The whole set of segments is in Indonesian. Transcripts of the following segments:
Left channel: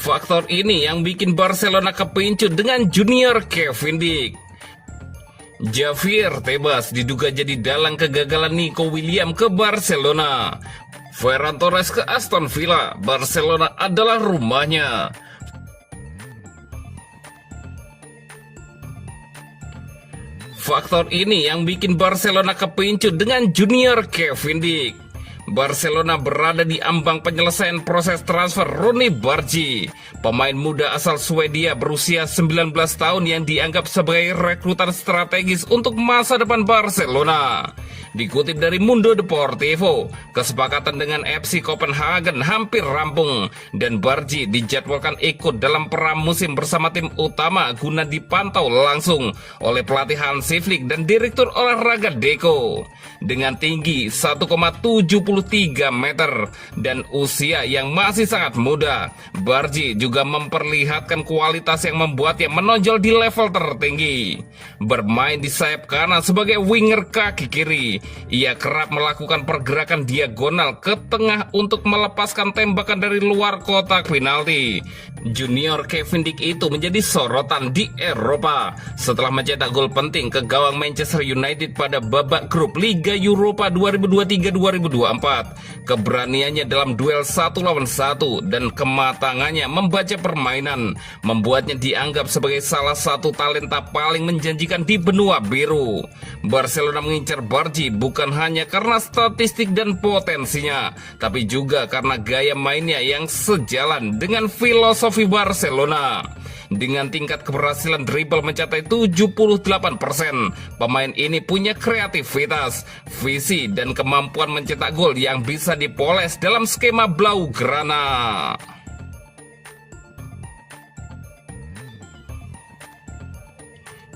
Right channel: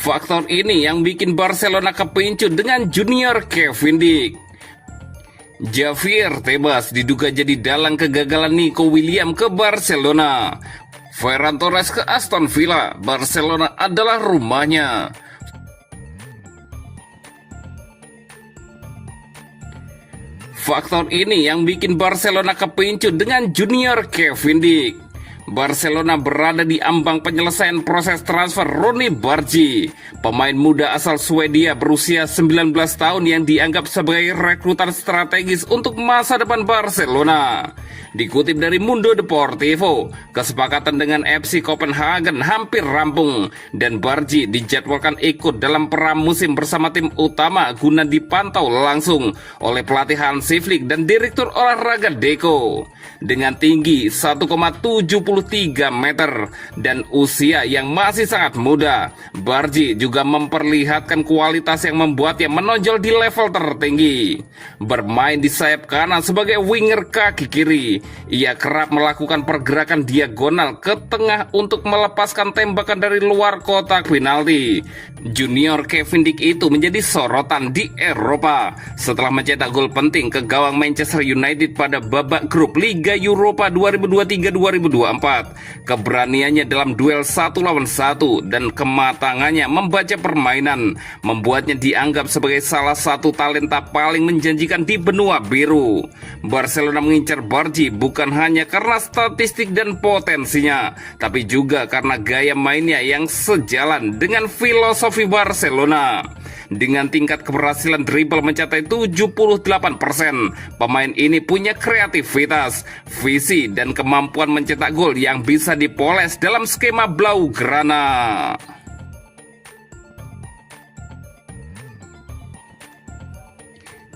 Faktor ini yang bikin Barcelona kepincut dengan junior Kevin Dick. Javier Tebas diduga jadi dalang kegagalan Nico Williams ke Barcelona. Ferran Torres ke Aston Villa, Barcelona adalah rumahnya. Faktor ini yang bikin Barcelona kepincut dengan junior Kevin Dick. Barcelona berada di ambang penyelesaian proses transfer Ronny Bargi, pemain muda asal Swedia berusia 19 tahun yang dianggap sebagai rekrutan strategis untuk masa depan Barcelona. Dikutip dari Mundo Deportivo, kesepakatan dengan FC Copenhagen hampir rampung dan Bargi dijadwalkan ikut dalam pramusim bersama tim utama guna dipantau langsung oleh pelatih Hansi Flick dan direktur olahraga Deco. Dengan tinggi 1,73 meter dan usia yang masih sangat muda, Bargi juga memperlihatkan kualitas yang membuatnya menonjol di level tertinggi. Bermain di sayap kanan sebagai winger kaki kiri, ia kerap melakukan pergerakan diagonal ke tengah untuk melepaskan tembakan dari luar kotak penalti. Junior Kevin Dick itu menjadi sorotan di Eropa setelah mencetak gol penting ke gawang Manchester United pada babak grup Liga Eropa 2023-2024. Keberaniannya dalam duel 1 lawan 1 dan kematangannya membaca permainan membuatnya dianggap sebagai salah satu talenta paling menjanjikan di benua biru. Barcelona mengincar Bargi bukan hanya karena statistik dan potensinya, tapi juga karena gaya mainnya yang sejalan dengan filosofi Barcelona. Dengan tingkat keberhasilan dribble mencapai 78%, pemain ini punya kreativitas, visi, dan kemampuan mencetak gol yang bisa dipoles dalam skema Blaugrana.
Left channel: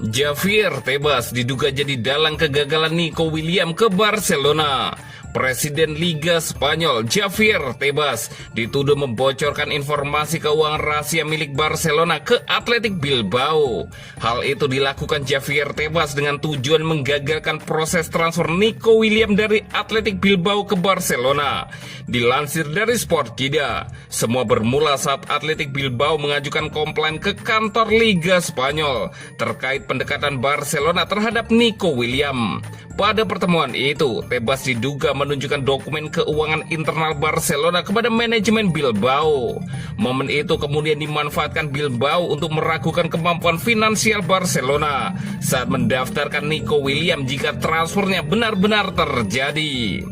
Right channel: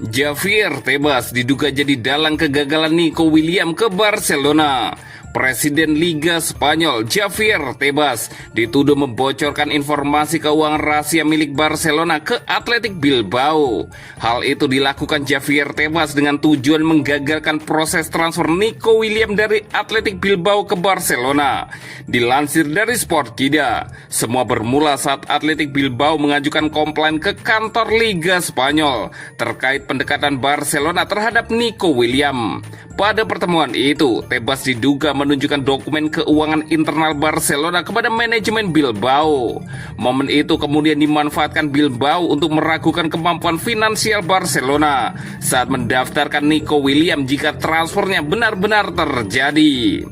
Javier Tebas diduga jadi dalang kegagalan Nico Williams ke Barcelona. Presiden Liga Spanyol Javier Tebas dituduh membocorkan informasi keuangan rahasia milik Barcelona ke Athletic Bilbao. Hal itu dilakukan Javier Tebas dengan tujuan menggagalkan proses transfer Nico Williams dari Athletic Bilbao ke Barcelona. Dilansir dari Sportkida, semua bermula saat Athletic Bilbao mengajukan komplain ke kantor Liga Spanyol terkait pendekatan Barcelona terhadap Nico Williams. Pada pertemuan itu, Tebas diduga menunjukkan dokumen keuangan internal Barcelona kepada manajemen Bilbao. Momen itu kemudian dimanfaatkan Bilbao untuk meragukan kemampuan finansial Barcelona saat mendaftarkan Nico Williams jika transfernya benar-benar terjadi.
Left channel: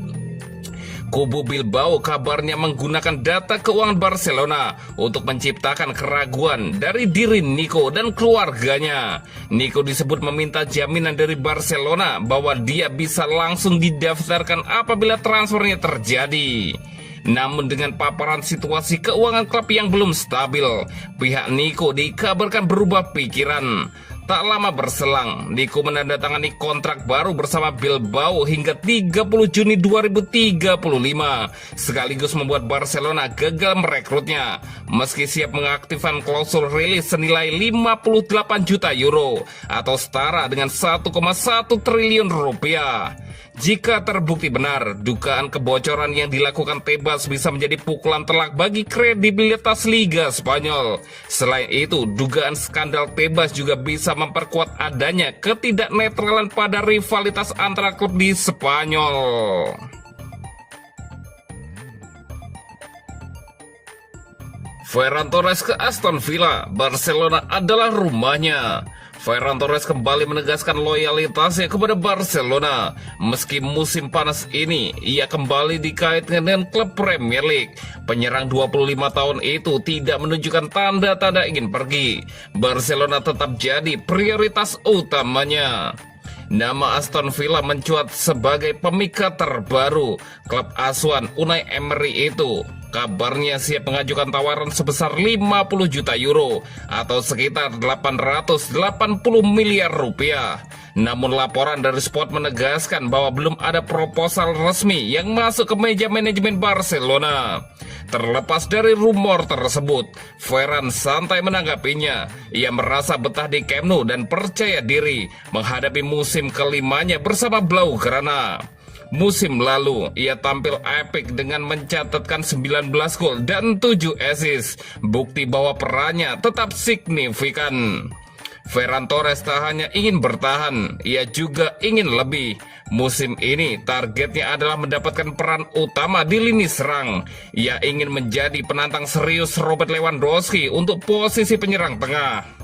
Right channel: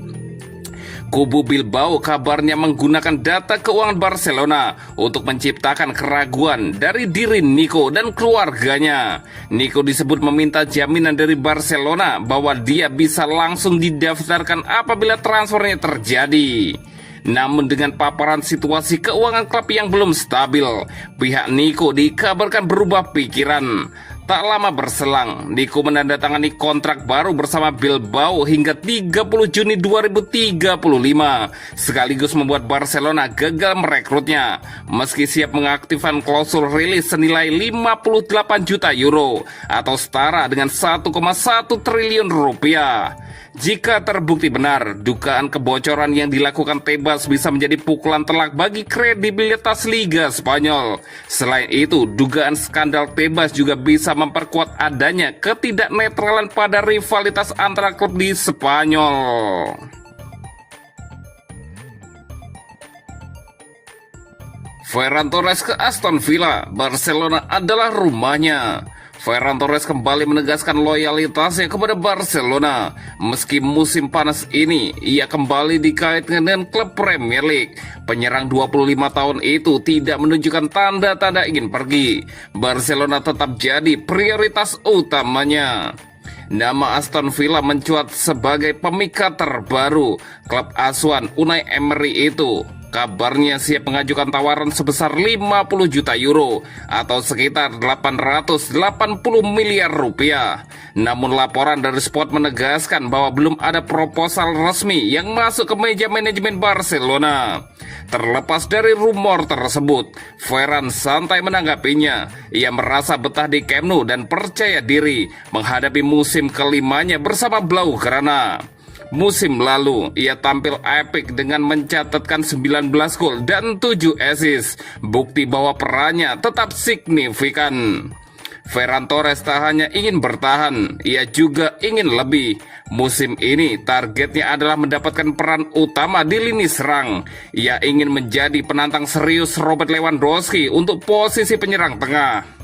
Kubu Bilbao kabarnya menggunakan data keuangan Barcelona untuk menciptakan keraguan dari diri Nico dan keluarganya. Nico disebut meminta jaminan dari Barcelona bahwa dia bisa langsung didaftarkan apabila transfernya terjadi. Namun dengan paparan situasi keuangan klub yang belum stabil, pihak Nico dikabarkan berubah pikiran. Tak lama berselang, Nico menandatangani kontrak baru bersama Bilbao hingga 30 Juni 2035, sekaligus membuat Barcelona gagal merekrutnya. Meski siap mengaktifkan klausul rilis senilai 58 juta euro atau setara dengan 1,1 triliun rupiah. Jika terbukti benar, dugaan kebocoran yang dilakukan Tebas bisa menjadi pukulan telak bagi kredibilitas Liga Spanyol. Selain itu, dugaan skandal Tebas juga bisa memperkuat adanya ketidaknetralan pada rivalitas antara klub di Spanyol. Ferran Torres ke Aston Villa, Barcelona adalah rumahnya. Ferran Torres kembali menegaskan loyalitasnya kepada Barcelona. Meski musim panas ini, ia kembali dikaitkan dengan klub Premier League. Penyerang 25 tahun itu tidak menunjukkan tanda-tanda ingin pergi. Barcelona tetap jadi prioritas utamanya. Nama Aston Villa mencuat sebagai pemikat terbaru klub asuhan Unai Emery itu. Kabarnya siap mengajukan tawaran sebesar 50 juta euro atau sekitar 880 miliar rupiah. Namun laporan dari Sport menegaskan bahwa belum ada proposal resmi yang masuk ke meja manajemen Barcelona. Terlepas dari rumor tersebut, Ferran santai menanggapinya. Ia merasa betah di Camp Nou dan percaya diri menghadapi musim kelimanya bersama Blaugrana. Musim lalu, ia tampil epik dengan mencatatkan 19 gol dan 7 assist. Bukti bahwa perannya tetap signifikan. Ferran Torres tak hanya ingin bertahan, ia juga ingin lebih. Musim ini targetnya adalah mendapatkan peran utama di lini serang. Ia ingin menjadi penantang serius Robert Lewandowski untuk posisi penyerang tengah.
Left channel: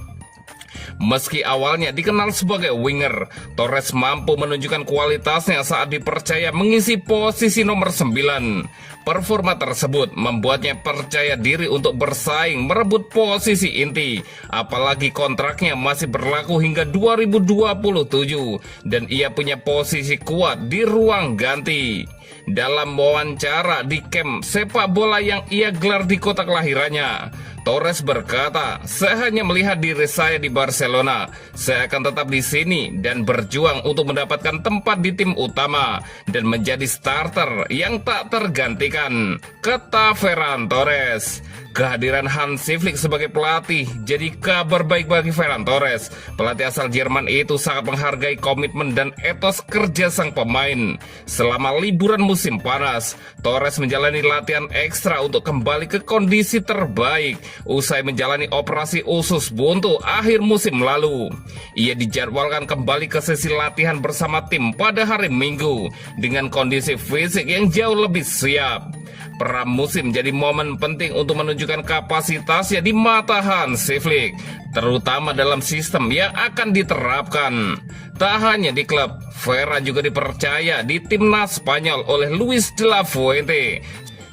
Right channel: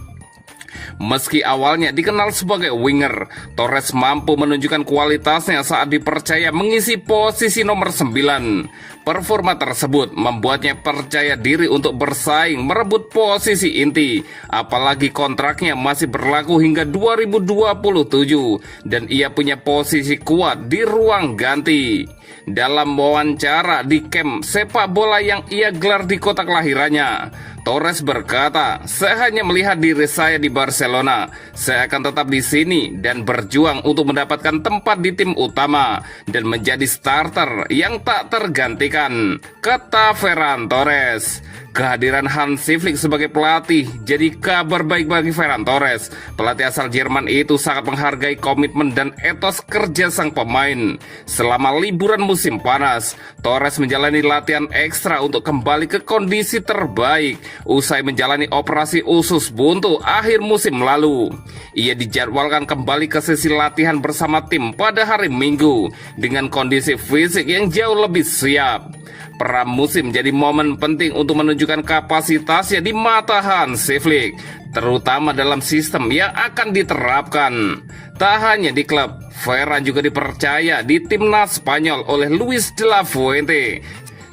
Meski awalnya dikenal sebagai winger, Torres mampu menunjukkan kualitasnya saat dipercaya mengisi posisi nomor 9. Performa tersebut membuatnya percaya diri untuk bersaing merebut posisi inti. Apalagi kontraknya masih berlaku hingga 2027 dan ia punya posisi kuat di ruang ganti. Dalam wawancara di camp sepak bola yang ia gelar di kota kelahirannya, Torres berkata, "Saya hanya melihat diri saya di Barcelona. Saya akan tetap di sini dan berjuang untuk mendapatkan tempat di tim utama dan menjadi starter yang tak tergantikan," kata Ferran Torres. Kehadiran Hansi Flick sebagai pelatih jadi kabar baik bagi Ferran Torres. Pelatih asal Jerman itu sangat menghargai komitmen dan etos kerja sang pemain. Selama liburan musim panas, Torres menjalani latihan ekstra untuk kembali ke kondisi terbaik usai menjalani operasi usus buntu akhir musim lalu. Ia dijadwalkan kembali ke sesi latihan bersama tim pada hari Minggu dengan kondisi fisik yang jauh lebih siap. Pramusim jadi momen penting untuk menunjukkan kapasitasnya di mata Hansi Flick, terutama dalam sistem yang akan diterapkan. Tak hanya di klub, Ferran juga dipercaya di timnas Spanyol oleh Luis de la Fuente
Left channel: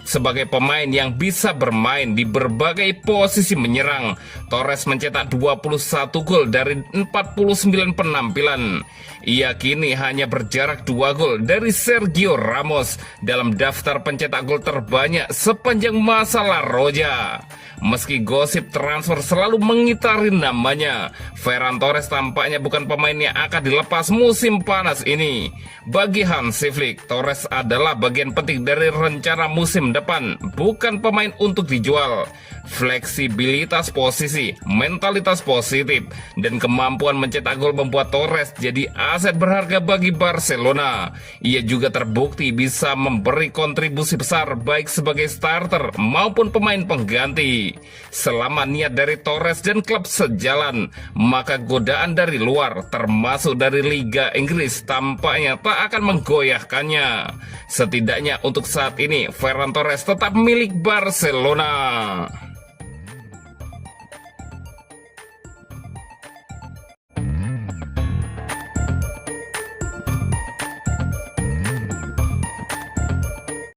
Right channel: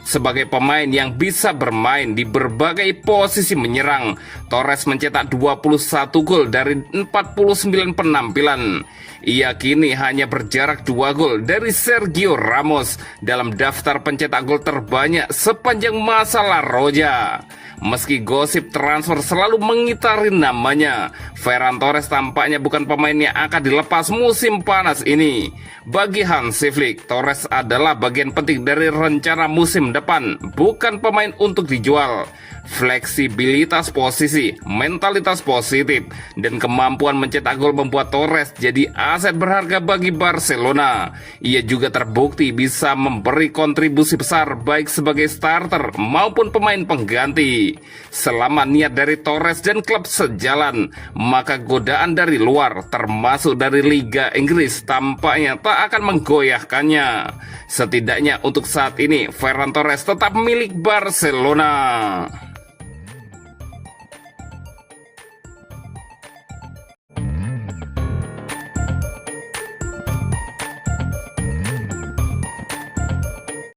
sebagai pemain yang bisa bermain di berbagai posisi menyerang. Torres mencetak 21 gol dari 49 penampilan. Ia kini hanya berjarak 2 gol dari Sergio Ramos dalam daftar pencetak gol terbanyak sepanjang masa La Roja. Meski gosip transfer selalu mengitari namanya, Ferran Torres tampaknya bukan pemain yang akan dilepas musim panas ini. Bagi Hansi Flick, Torres adalah bagian penting dari rencana musim depan, bukan pemain untuk dijual. Fleksibilitas posisi, mentalitas positif, dan kemampuan mencetak gol membuat Torres jadi aset berharga bagi Barcelona. Ia juga terbukti bisa memberi kontribusi besar baik sebagai starter maupun pemain pengganti. Selama niat dari Torres dan klub sejalan, maka godaan dari luar, termasuk dari Liga Inggris, tampaknya tak akan menggoyahkannya. Setidaknya untuk saat ini, Ferran Torres tetap milik Barcelona.